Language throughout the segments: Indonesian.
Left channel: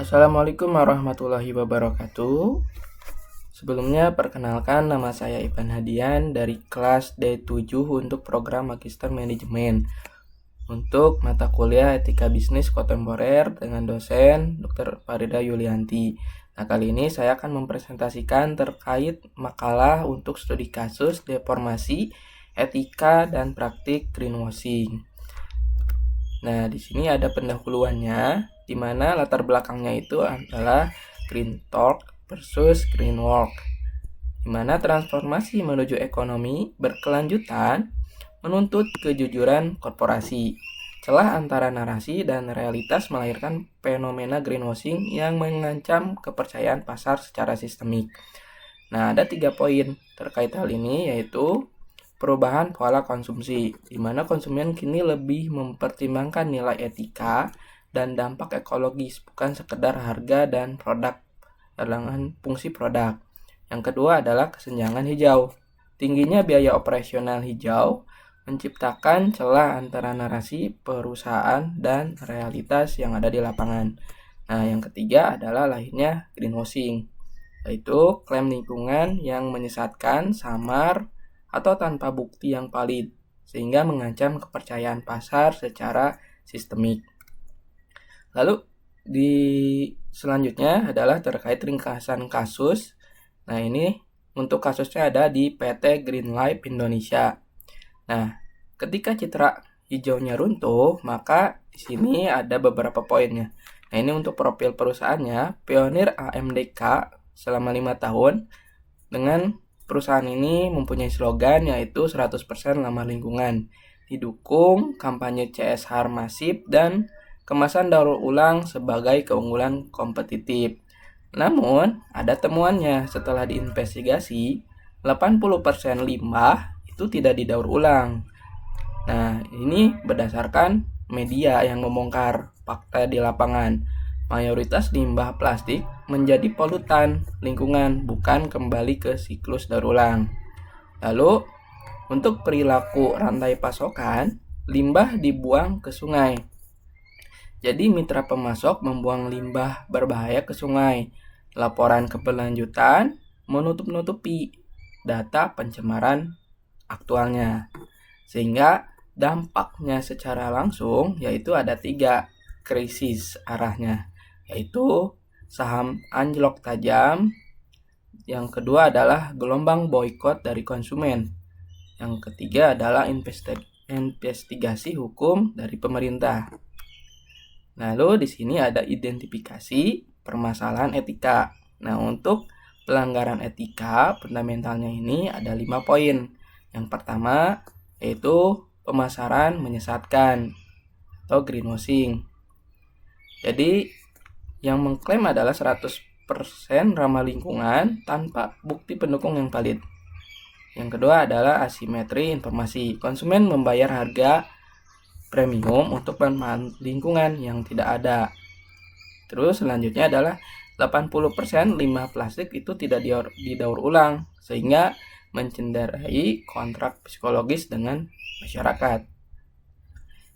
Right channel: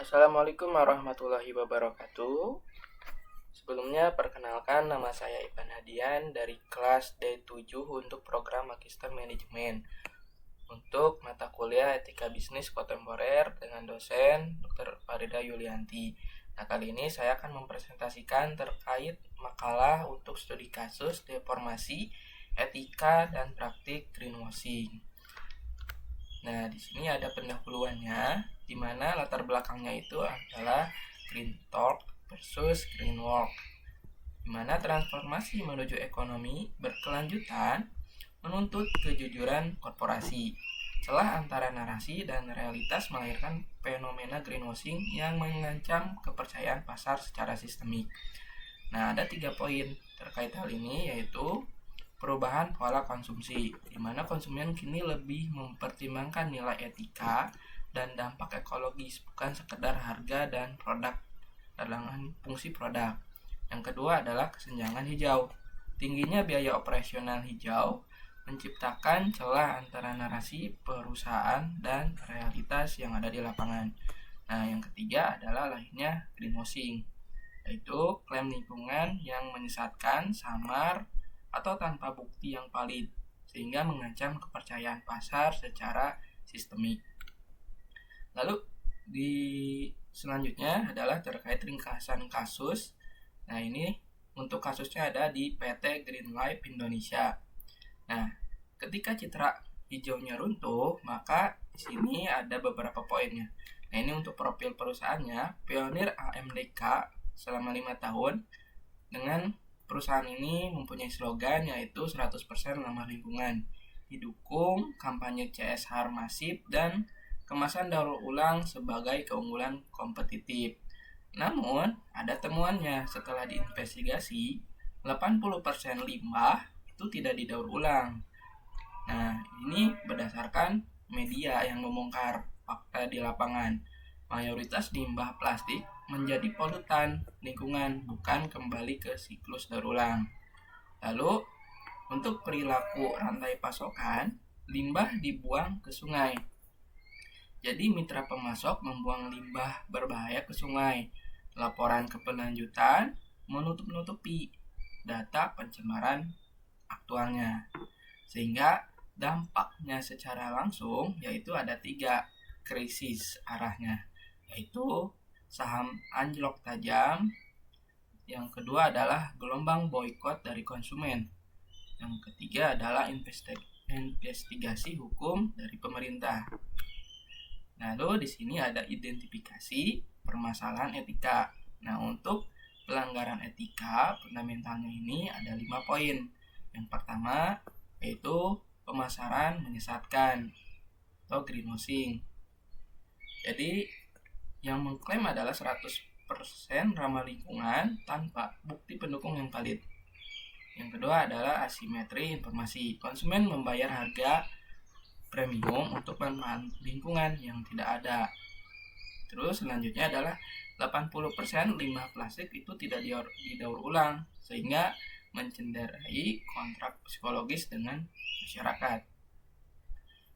Assalamualaikum warahmatullahi wabarakatuh. Sebelumnya perkenalkan, nama saya Ivan Hadian dari kelas D7 untuk program Magister Manajemen untuk mata kuliah Etika Bisnis Kontemporer dengan dosen Dr. Farida Yulianti. Nah, kali ini saya akan mempresentasikan terkait makalah untuk studi kasus deformasi etika dan praktik greenwashing. Nah, di sini ada pendahuluannya, di mana latar belakangnya itu adalah Green Talk versus Green Walk, di mana transformasi menuju ekonomi berkelanjutan menuntut kejujuran korporasi. Celah antara narasi dan realitas melahirkan fenomena greenwashing yang mengancam kepercayaan pasar secara sistemik. Nah, ada 3 poin terkait hal ini, yaitu perubahan pola konsumsi, di mana konsumen kini lebih mempertimbangkan nilai etika dan dampak ekologis, bukan sekedar harga dan produk dalam fungsi produk. Yang kedua adalah kesenjangan hijau. Tingginya biaya operasional hijau menciptakan celah antara narasi perusahaan dan realitas yang ada di lapangan. Nah, yang ketiga adalah lahirnya greenwashing, yaitu klaim lingkungan yang menyesatkan, samar, atau tanpa bukti yang valid, sehingga mengancam kepercayaan pasar secara sistemik. Lalu di selanjutnya adalah terkait ringkasan kasus. Nah, ini untuk kasusnya ada di PT Green Life Indonesia. Nah, ketika citra hijaunya runtuh, maka di sini ada beberapa poinnya. Nah, ini untuk profil perusahaannya, pionir AMDK selama 5 tahun. Dengan perusahaan ini mempunyai slogan yaitu 100% ramah lingkungan, didukung kampanye CSR masif dan kemasan daur ulang sebagai keunggulan kompetitif. Namun, ada temuannya setelah diinvestigasi, 80% limbah itu tidak didaur ulang. Nah, ini berdasarkan media yang membongkar fakta di lapangan. Mayoritas limbah plastik menjadi polutan lingkungan, bukan kembali ke siklus daur ulang. Lalu, untuk perilaku rantai pasokan, limbah dibuang ke sungai. Jadi mitra pemasok membuang limbah berbahaya ke sungai. Laporan keberlanjutan menutup-nutupi data pencemaran aktualnya. Sehingga dampaknya secara langsung yaitu ada 3 krisis arahnya, yaitu saham anjlok tajam. Yang kedua adalah gelombang boikot dari konsumen. Yang ketiga adalah investigasi hukum dari pemerintah. Lalu di sini ada identifikasi permasalahan etika. Nah, untuk pelanggaran etika fundamentalnya ini ada 5 poin. Yang pertama yaitu pemasaran menyesatkan atau greenwashing. Jadi yang mengklaim adalah 100% ramah lingkungan tanpa bukti pendukung yang valid. Yang kedua adalah asimetri informasi. Konsumen membayar harga premium untuk manfaat lingkungan yang tidak ada. Terus selanjutnya adalah 80% limbah plastik itu tidak didaur ulang, sehingga mencenderai kontrak psikologis dengan masyarakat.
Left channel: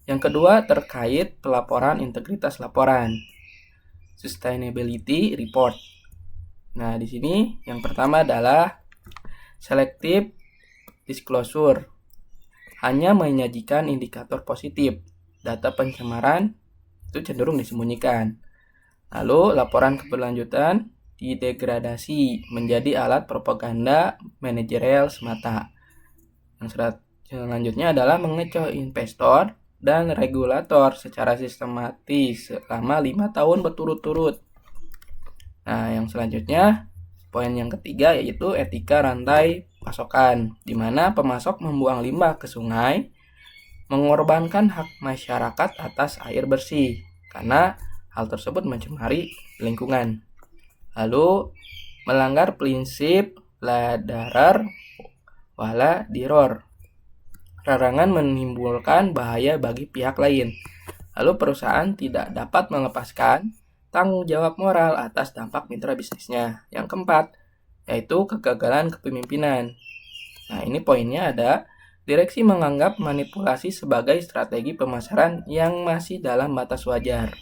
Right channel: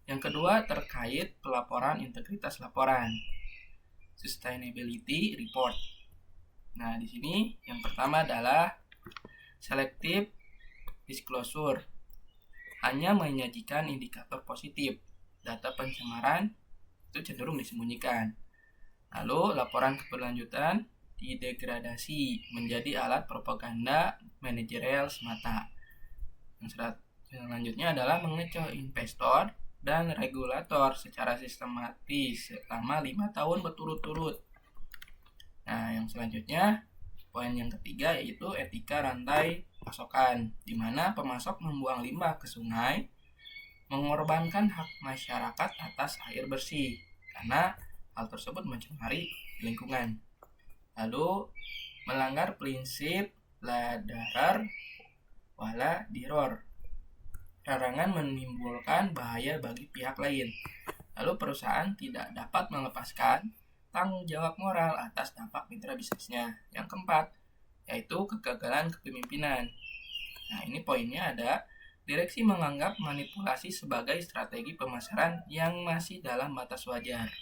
Yang kedua terkait pelaporan integritas laporan, sustainability report. Nah, di sini yang pertama adalah selective disclosure, hanya menyajikan indikator positif. Data pencemaran itu cenderung disembunyikan. Lalu laporan keberlanjutan didegradasi menjadi alat propaganda manajerial semata. Yang selanjutnya adalah mengecoh investor dan regulator secara sistematis selama 5 tahun berturut-turut. Nah, yang selanjutnya poin yang ketiga yaitu etika rantai pasokan, di mana pemasok membuang limbah ke sungai, mengorbankan hak masyarakat atas air bersih karena hal tersebut mencemari lingkungan. Lalu melanggar prinsip la darar wala diror, larangan menimbulkan bahaya bagi pihak lain. Lalu perusahaan tidak dapat melepaskan tanggung jawab moral atas dampak mitra bisnisnya. Yang keempat yaitu kegagalan kepemimpinan. Nah, ini poinnya ada direksi menganggap manipulasi sebagai strategi pemasaran yang masih dalam batas wajar.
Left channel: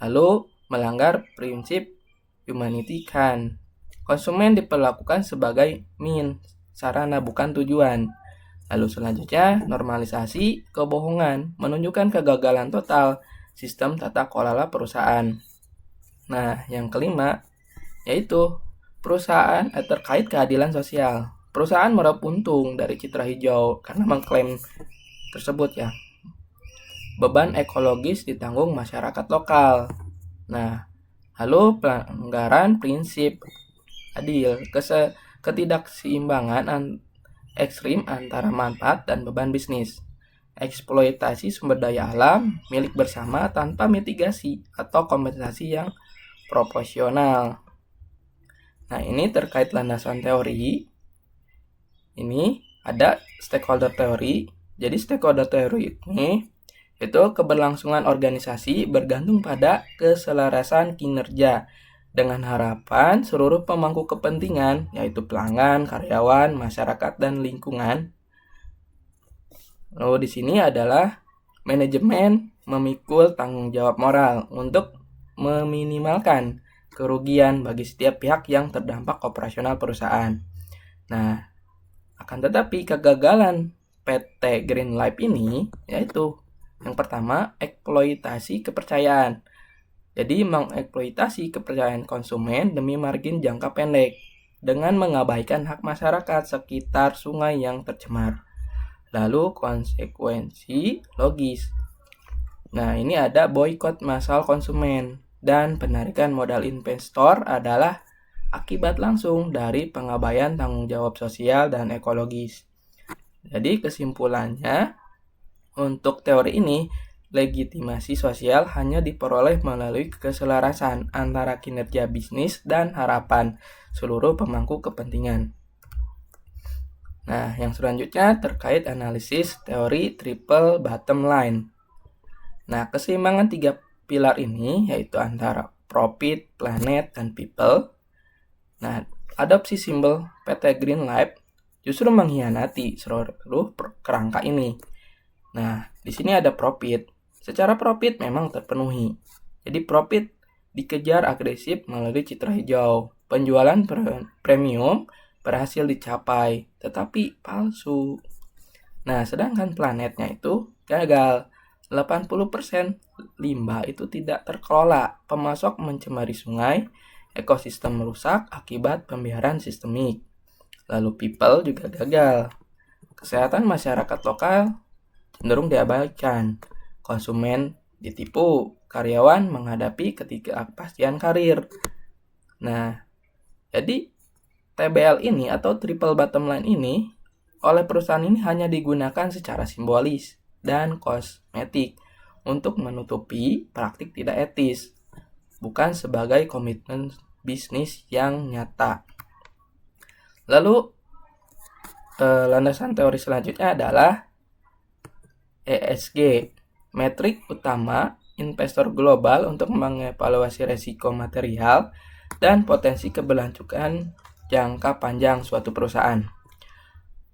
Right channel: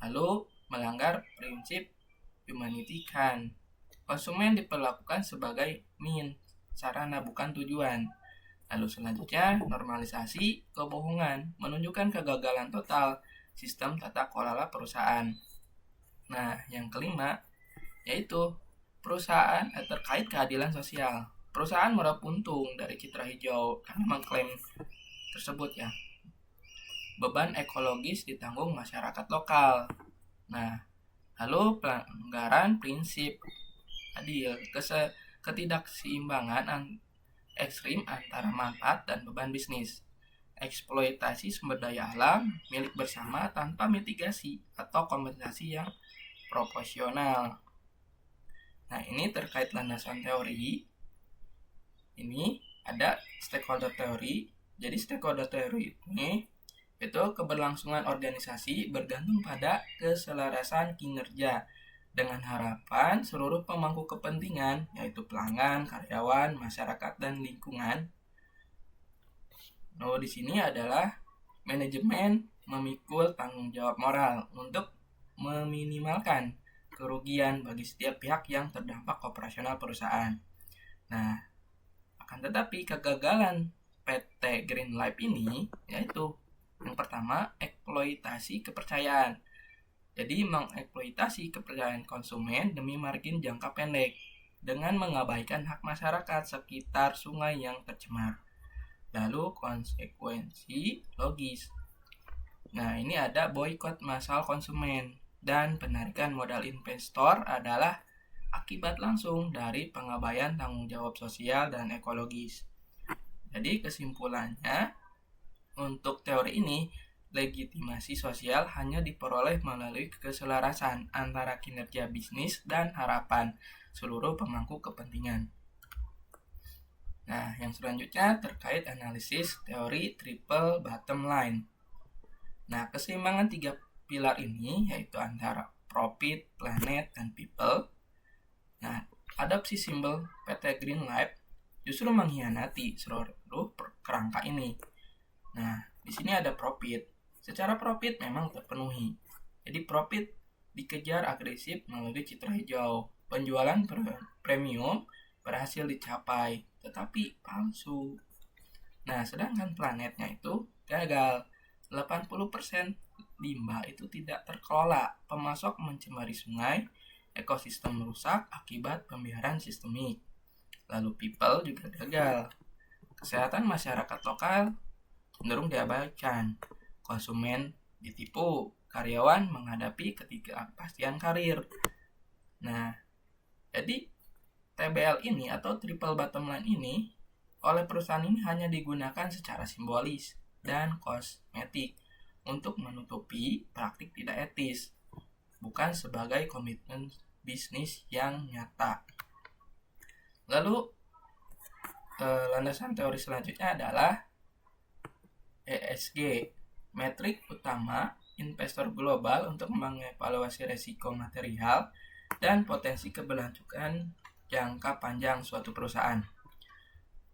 Lalu melanggar prinsip humanity kan. Konsumen diperlakukan sebagai sarana bukan tujuan. Lalu selanjutnya, normalisasi kebohongan menunjukkan kegagalan total sistem tata kelola perusahaan. Nah, yang kelima yaitu perusahaan terkait keadilan sosial. Perusahaan meraup untung dari citra hijau karena mengklaim tersebut ya. Beban ekologis ditanggung masyarakat lokal. Nah, lalu pelanggaran prinsip adil, ketidakseimbangan ekstrim antara manfaat dan beban bisnis, eksploitasi sumber daya alam milik bersama tanpa mitigasi atau kompensasi yang proporsional. Nah, ini terkait landasan teori. Ini ada stakeholder teori. Jadi stakeholder teori ini itu keberlangsungan organisasi bergantung pada keselarasan kinerja dengan harapan seluruh pemangku kepentingan, yaitu pelanggan, karyawan, masyarakat, dan lingkungan. Lalu di sini adalah manajemen memikul tanggung jawab moral untuk meminimalkan kerugian bagi setiap pihak yang terdampak operasional perusahaan. Nah, akan tetapi kegagalan PT Green Life ini yaitu yang pertama, eksploitasi kepercayaan. Jadi mengeksploitasi kepercayaan konsumen demi margin jangka pendek dengan mengabaikan hak masyarakat sekitar sungai yang tercemar. Lalu konsekuensi logis. Nah, ini ada boikot massal konsumen dan penarikan modal investor adalah akibat langsung dari pengabaian tanggung jawab sosial dan ekologis. Jadi kesimpulannya, untuk teori ini, legitimasi sosial hanya diperoleh melalui keselarasan antara kinerja bisnis dan harapan seluruh pemangku kepentingan. Nah, yang selanjutnya terkait analisis teori triple bottom line. Nah, keseimbangan tiga pilar ini yaitu antara profit, planet, dan people. Nah, adopsi simbol PT Green Life justru mengkhianati seluruh kerangka ini. Nah, di sini ada profit. Secara profit memang terpenuhi. Jadi profit dikejar agresif melalui citra hijau. Penjualan premium berhasil dicapai, tetapi palsu. Nah, sedangkan planetnya itu gagal. 80% limbah itu tidak terkelola. Pemasok mencemari sungai, ekosistem merusak akibat pembiaran sistemik. Lalu people juga gagal. Kesehatan masyarakat lokal cenderung diabaikan, konsumen ditipu, karyawan menghadapi ketidakpastian karir. Nah, jadi TBL ini atau triple bottom line ini oleh perusahaan ini hanya digunakan secara simbolis dan kosmetik untuk menutupi praktik tidak etis, bukan sebagai komitmen bisnis yang nyata. Lalu landasan teori selanjutnya adalah ESG, metrik utama investor global untuk mengevaluasi resiko material dan potensi keberlangsungan jangka panjang suatu perusahaan.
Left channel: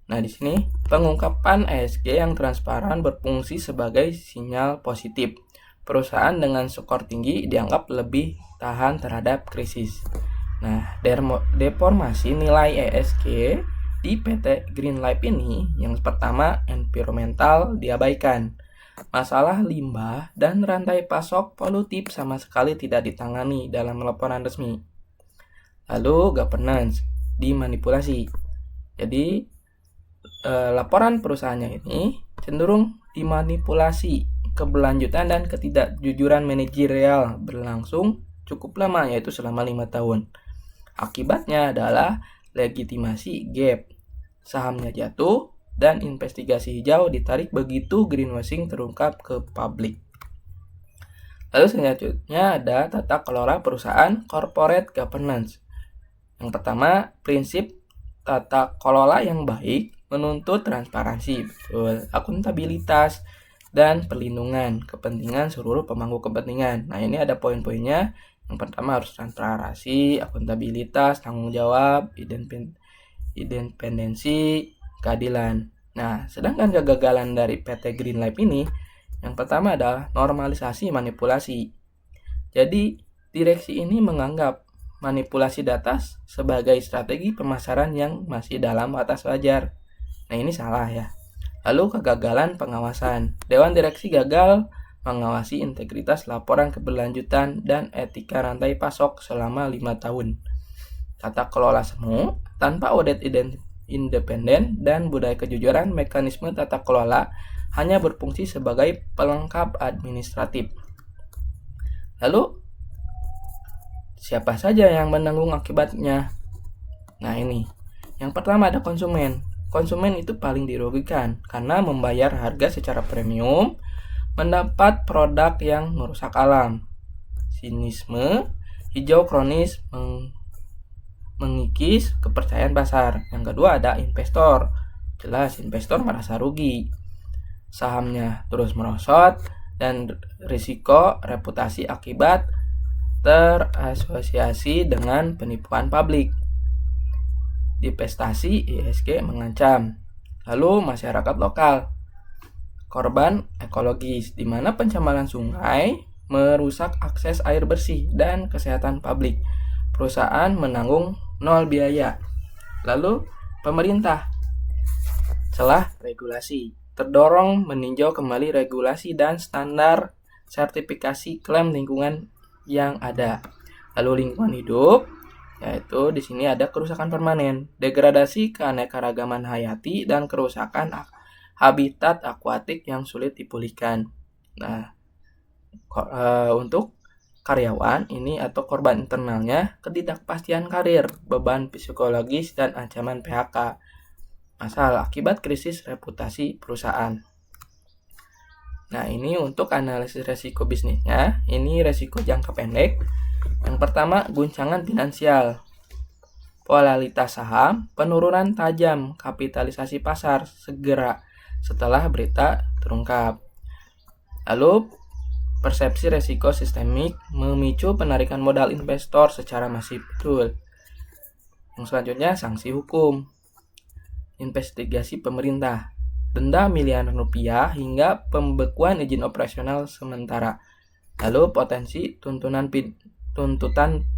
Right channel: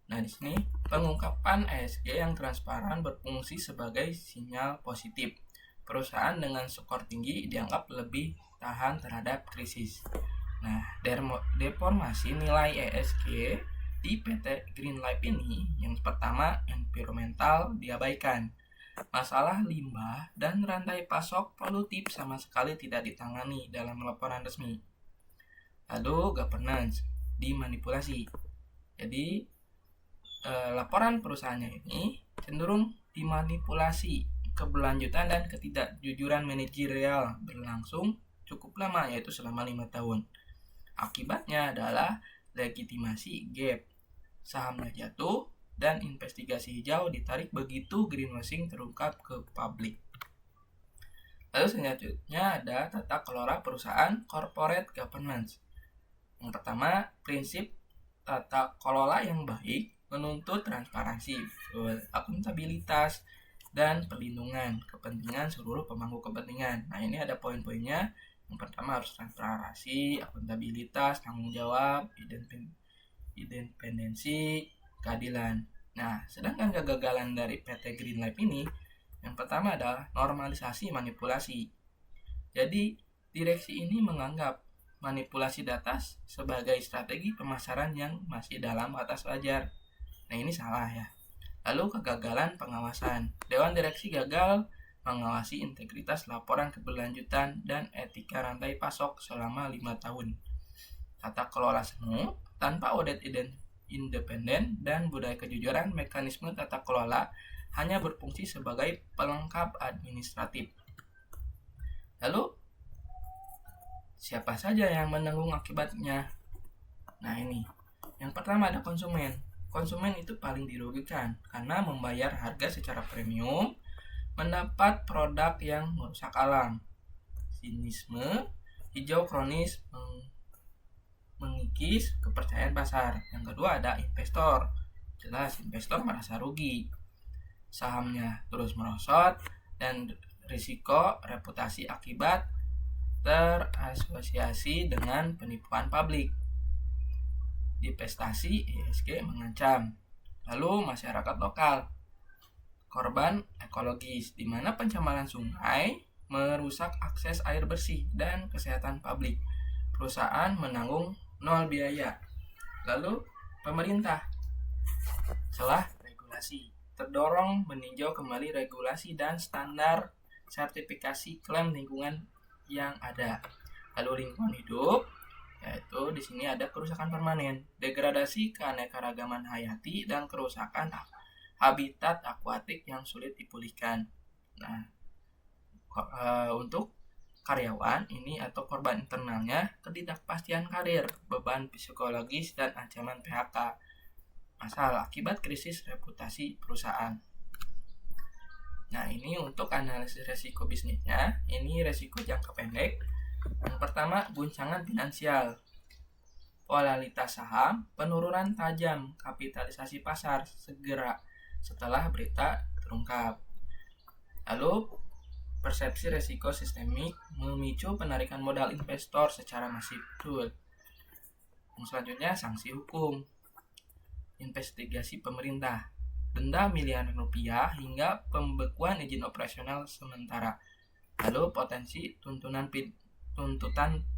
Nah, di sini pengungkapan ESG yang transparan berfungsi sebagai sinyal positif. Perusahaan dengan skor tinggi dianggap lebih tahan terhadap krisis. Nah, deformasi nilai ESG di PT Green Life ini, yang pertama environmental diabaikan. Masalah limbah dan rantai pasok polutif sama sekali tidak ditangani dalam laporan resmi. Lalu governance dimanipulasi. Jadi laporan perusahaannya ini cenderung dimanipulasi. Keberlanjutan dan ketidakjujuran manajerial berlangsung cukup lama, yaitu selama 5 tahun. Akibatnya adalah legitimasi gap, sahamnya jatuh, dan investigasi hijau ditarik begitu greenwashing terungkap ke publik. Lalu selanjutnya ada tata kelola perusahaan corporate governance. Yang pertama, prinsip tata kelola yang baik menuntut transparansi, akuntabilitas, dan perlindungan kepentingan seluruh pemangku kepentingan. Nah, ini ada poin-poinnya. Yang pertama harus transparansi, akuntabilitas, tanggung jawab, independensi, keadilan. Nah, sedangkan kegagalan dari PT Green Life ini, yang pertama adalah normalisasi manipulasi. Jadi, Direksi ini menganggap manipulasi data sebagai strategi pemasaran yang masih dalam batas wajar. Nah, ini salah ya. Lalu kegagalan pengawasan. Dewan direksi gagal mengawasi integritas laporan keberlanjutan dan etika rantai pasok selama 5 tahun. Tata kelola semu tanpa audit independen dan budaya kejujuran, mekanisme tata kelola hanya berfungsi sebagai pelengkap administratif. Lalu, siapa saja yang menanggung akibatnya? Nah, ini. Yang pertama ada konsumen. Konsumen itu paling dirugikan karena membayar harga secara premium, mendapat produk yang merusak alam. Sinisme hijau kronis mengikis kepercayaan pasar. Yang kedua ada investor. Jelas investor merasa rugi. Sahamnya terus merosot dan risiko reputasi akibat terasosiasi dengan penipuan publik. Divestasi ESG mengancam. Lalu masyarakat lokal. Korban ekologis, di mana pencemaran sungai merusak akses air bersih dan kesehatan publik. Perusahaan menanggung nol biaya. Lalu pemerintah. Celah regulasi. Terdorong meninjau kembali regulasi dan standar sertifikasi klaim lingkungan yang ada. Lalu lingkungan hidup, yaitu di sini ada kerusakan permanen, degradasi keanekaragaman hayati dan kerusakan habitat akuatik yang sulit dipulihkan. Nah, untuk karyawan ini atau korban internalnya, ketidakpastian karir, beban psikologis dan ancaman PHK. Masalah akibat krisis reputasi perusahaan. Nah, ini untuk analisis resiko bisnisnya. Ini resiko jangka pendek. Yang pertama, guncangan finansial. Volatilitas saham, penurunan tajam kapitalisasi pasar segera setelah berita terungkap. Lalu, persepsi resiko sistemik memicu penarikan modal investor secara masif. Betul. Yang selanjutnya, sanksi hukum. Investigasi pemerintah. Denda miliaran rupiah hingga pembekuan izin operasional sementara. Lalu potensi tuntutan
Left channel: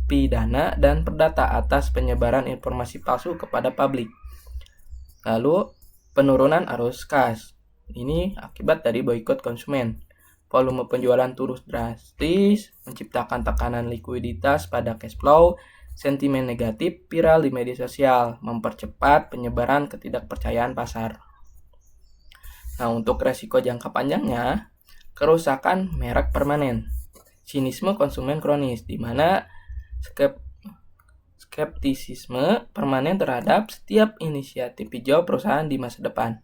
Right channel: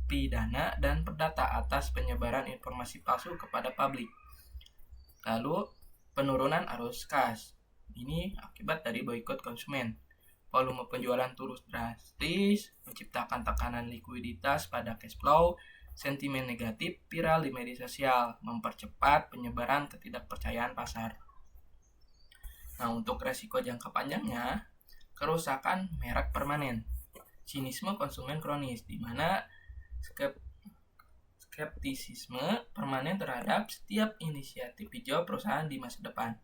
pidana dan perdata atas penyebaran informasi palsu kepada publik. Lalu penurunan arus kas. Ini akibat dari boikot konsumen. Volume penjualan turun drastis, menciptakan tekanan likuiditas pada cash flow, sentimen negatif viral di media sosial, mempercepat penyebaran ketidakpercayaan pasar. Nah, untuk resiko jangka panjangnya, kerusakan merek permanen, sinisme konsumen kronis, di mana skeptisisme permanen terhadap setiap inisiatif hijau perusahaan di masa depan,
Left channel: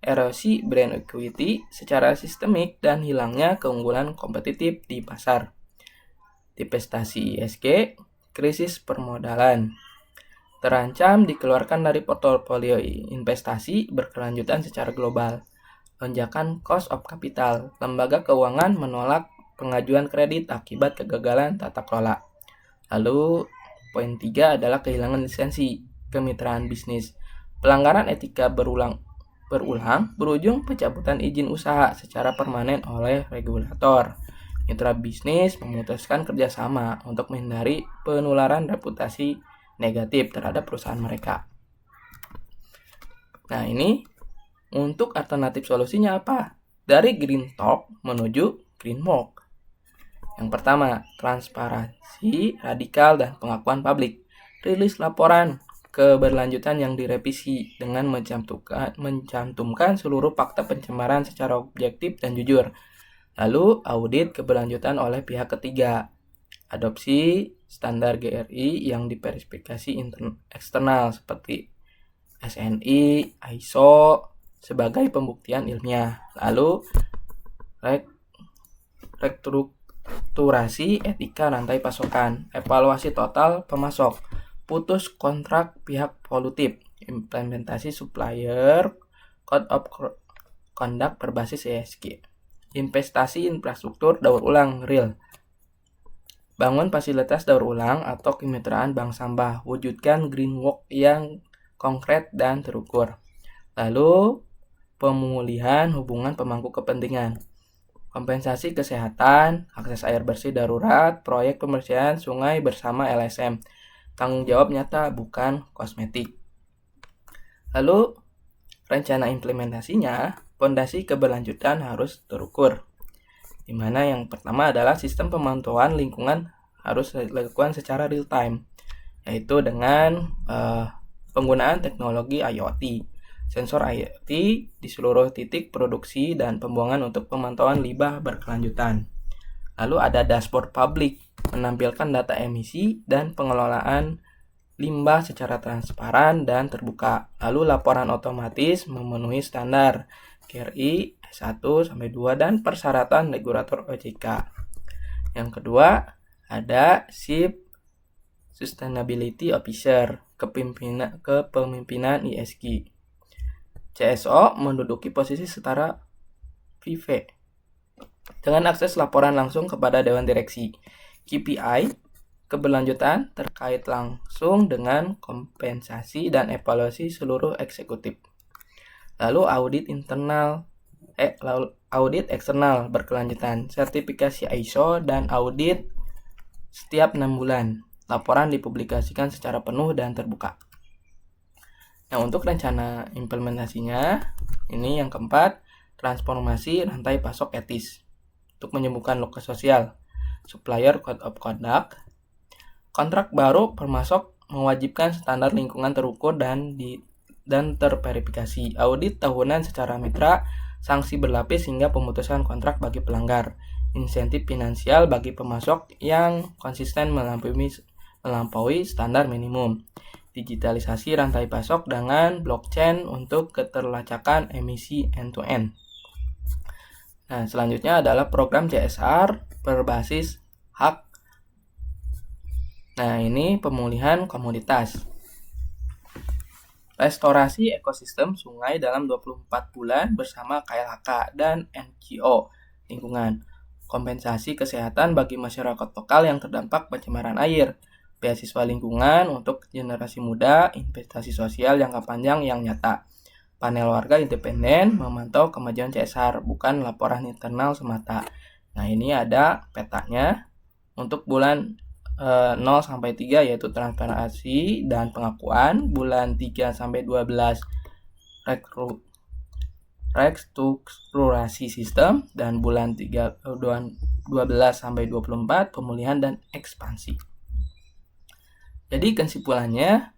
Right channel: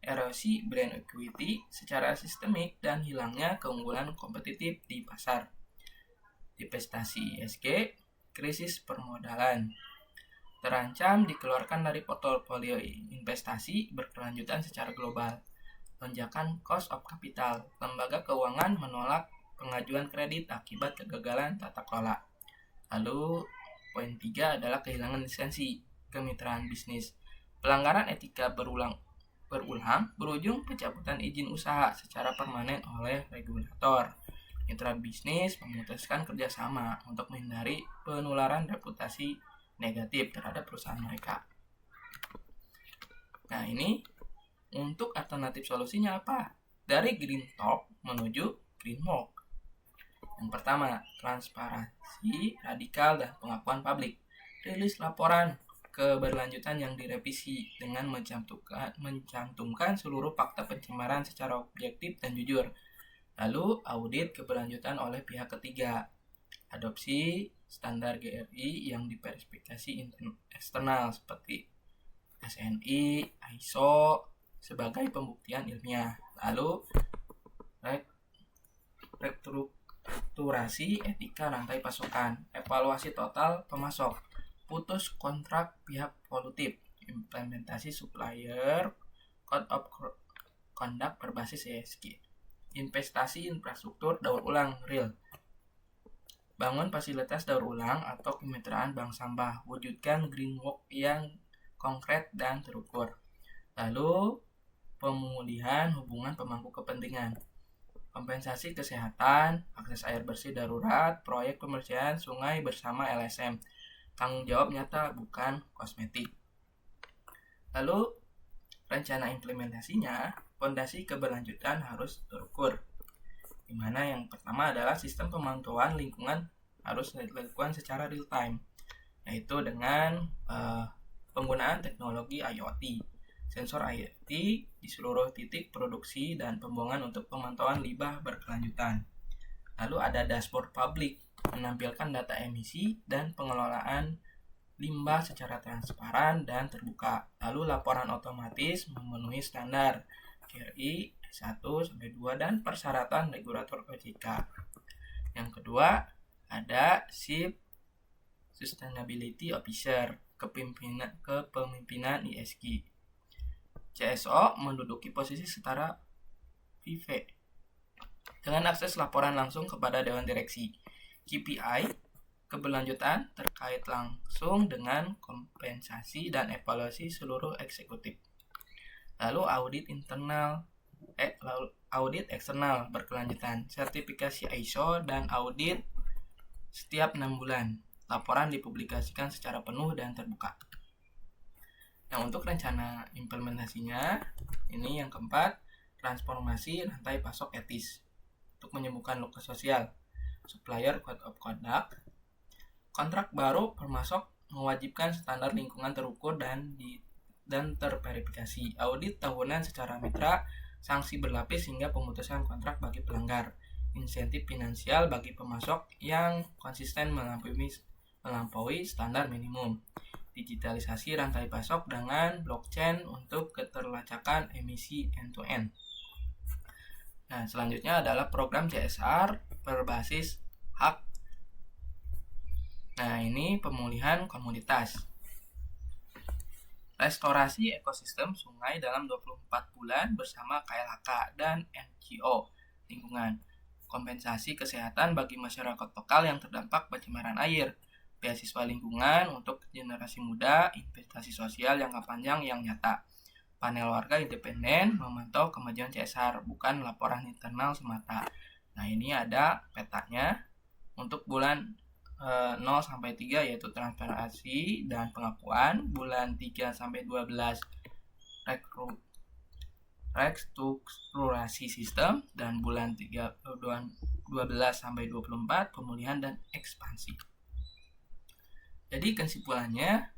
erosi brand equity secara sistemik dan hilangnya keunggulan kompetitif di pasar, divestasi ESG, krisis permodalan, terancam dikeluarkan dari portofolio investasi berkelanjutan secara global. Lonjakan cost of capital, lembaga keuangan menolak pengajuan kredit akibat kegagalan tata kelola. Lalu poin 3 adalah kehilangan lisensi kemitraan bisnis. Pelanggaran etika berulang berujung pencabutan izin usaha secara permanen oleh regulator. Mitra bisnis memutuskan kerjasama untuk menghindari penularan reputasi negatif terhadap perusahaan mereka. Nah, ini untuk alternatif solusinya apa? Dari green talk menuju green walk. Yang pertama, transparansi radikal dan pengakuan publik. Rilis laporan keberlanjutan yang direvisi dengan mencantumkan seluruh fakta pencemaran secara objektif dan jujur. Lalu, audit keberlanjutan oleh pihak ketiga. Adopsi standar GRI yang diverifikasi eksternal seperti SNI, ISO sebagai pembuktian ilmiah. Lalu, restrukturasi etika rantai pasokan, evaluasi total pemasok, putus kontrak pihak polutif, implementasi supplier code of conduct berbasis ESG, investasi infrastruktur daur ulang real, bangun fasilitas daur ulang atau kemitraan bank sampah, wujudkan green walk yang konkret dan terukur. Lalu pemulihan hubungan pemangku kepentingan, kompensasi kesehatan, akses air bersih darurat, proyek pembersihan sungai bersama LSM. Tanggung jawab nyata, bukan kosmetik. Lalu, rencana implementasinya, fondasi keberlanjutan harus terukur. Di mana yang pertama adalah sistem pemantauan lingkungan harus dilakukan secara real time, yaitu dengan penggunaan teknologi IoT, sensor IoT di seluruh titik produksi dan pembuangan untuk pemantauan limbah berkelanjutan. Lalu ada dashboard publik, menampilkan data emisi dan pengelolaan limbah secara transparan dan terbuka. Lalu laporan otomatis memenuhi standar KRI S1-2 dan persyaratan regulator OJK. Yang kedua, ada Chief Sustainability Officer, kepemimpinan ESG. CSO menduduki posisi setara VP dengan akses laporan langsung kepada Dewan Direksi. KPI, keberlanjutan terkait langsung dengan kompensasi dan evaluasi seluruh eksekutif. Lalu audit eksternal berkelanjutan, sertifikasi ISO dan audit setiap 6 bulan. Laporan dipublikasikan secara penuh dan terbuka. Nah, untuk rencana implementasinya, ini yang keempat, transformasi rantai pasok etis untuk menyembuhkan luka sosial, supplier code of conduct, kontrak baru permasok mewajibkan standar lingkungan terukur dan terverifikasi, audit tahunan secara mitra, sanksi berlapis hingga pemutusan kontrak bagi pelanggar, insentif finansial bagi pemasok yang konsisten melampaui standar minimum, digitalisasi rantai pasok dengan blockchain untuk keterlacakan emisi end-to-end. Nah, selanjutnya adalah program CSR berbasis hak. Nah, ini pemulihan komoditas. Restorasi ekosistem sungai dalam 24 bulan bersama KLHK dan NGO lingkungan. Kompensasi kesehatan bagi masyarakat lokal yang terdampak pencemaran air. Beasiswa lingkungan untuk generasi muda, investasi sosial jangka panjang yang nyata. Panel warga independen memantau kemajuan CSR, bukan laporan internal semata. Nah, ini ada petanya untuk bulan 0-3 yaitu transparansi dan pengakuan, bulan 3-12 restrukturasi sistem, dan bulan 12-24 pemulihan dan ekspansi. Jadi kesimpulannya,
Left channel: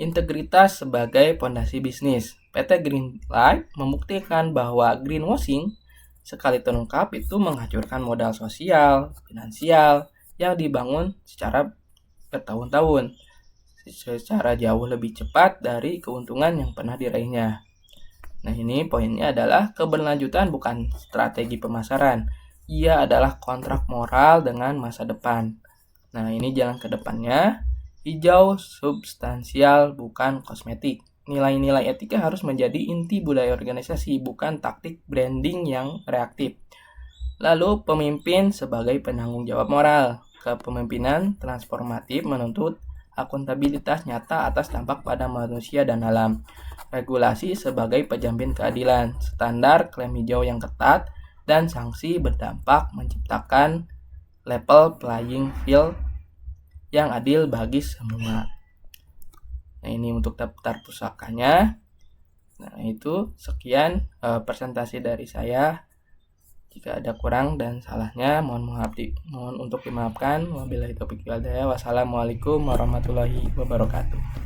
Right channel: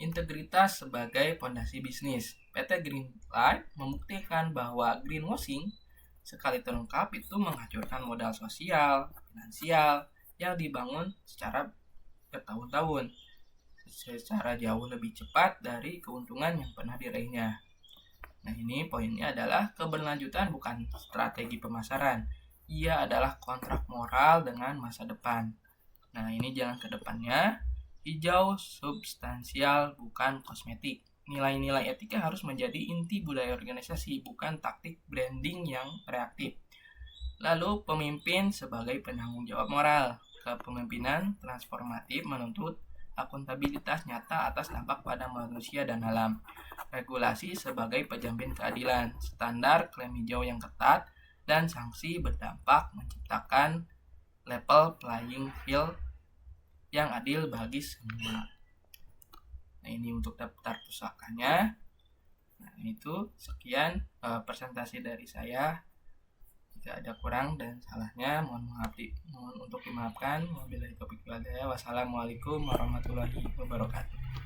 integritas sebagai fondasi bisnis. PT Greenlight membuktikan bahwa greenwashing sekali terungkap itu menghancurkan modal sosial, finansial yang dibangun secara bertahun-tahun, secara jauh lebih cepat dari keuntungan yang pernah diraihnya. Nah, ini poinnya adalah keberlanjutan bukan strategi pemasaran. Ia adalah kontrak moral dengan masa depan. Nah, ini jalan ke depannya. Hijau substansial, bukan kosmetik. Nilai-nilai etika harus menjadi inti budaya organisasi, bukan taktik branding yang reaktif. Lalu, pemimpin sebagai penanggung jawab moral. Kepemimpinan transformatif menuntut akuntabilitas nyata atas dampak pada manusia dan alam. Regulasi sebagai penjamin keadilan. Standar klaim hijau yang ketat dan sanksi berdampak menciptakan level playing field yang adil bagi semua. Nah, ini untuk daftar pusakanya. Nah, itu sekian presentasi dari saya. Jika ada kurang dan salahnya, mohon untuk dimaafkan. Wabillahi taufiq wal hidayah. Wassalamualaikum warahmatullahi wabarakatuh.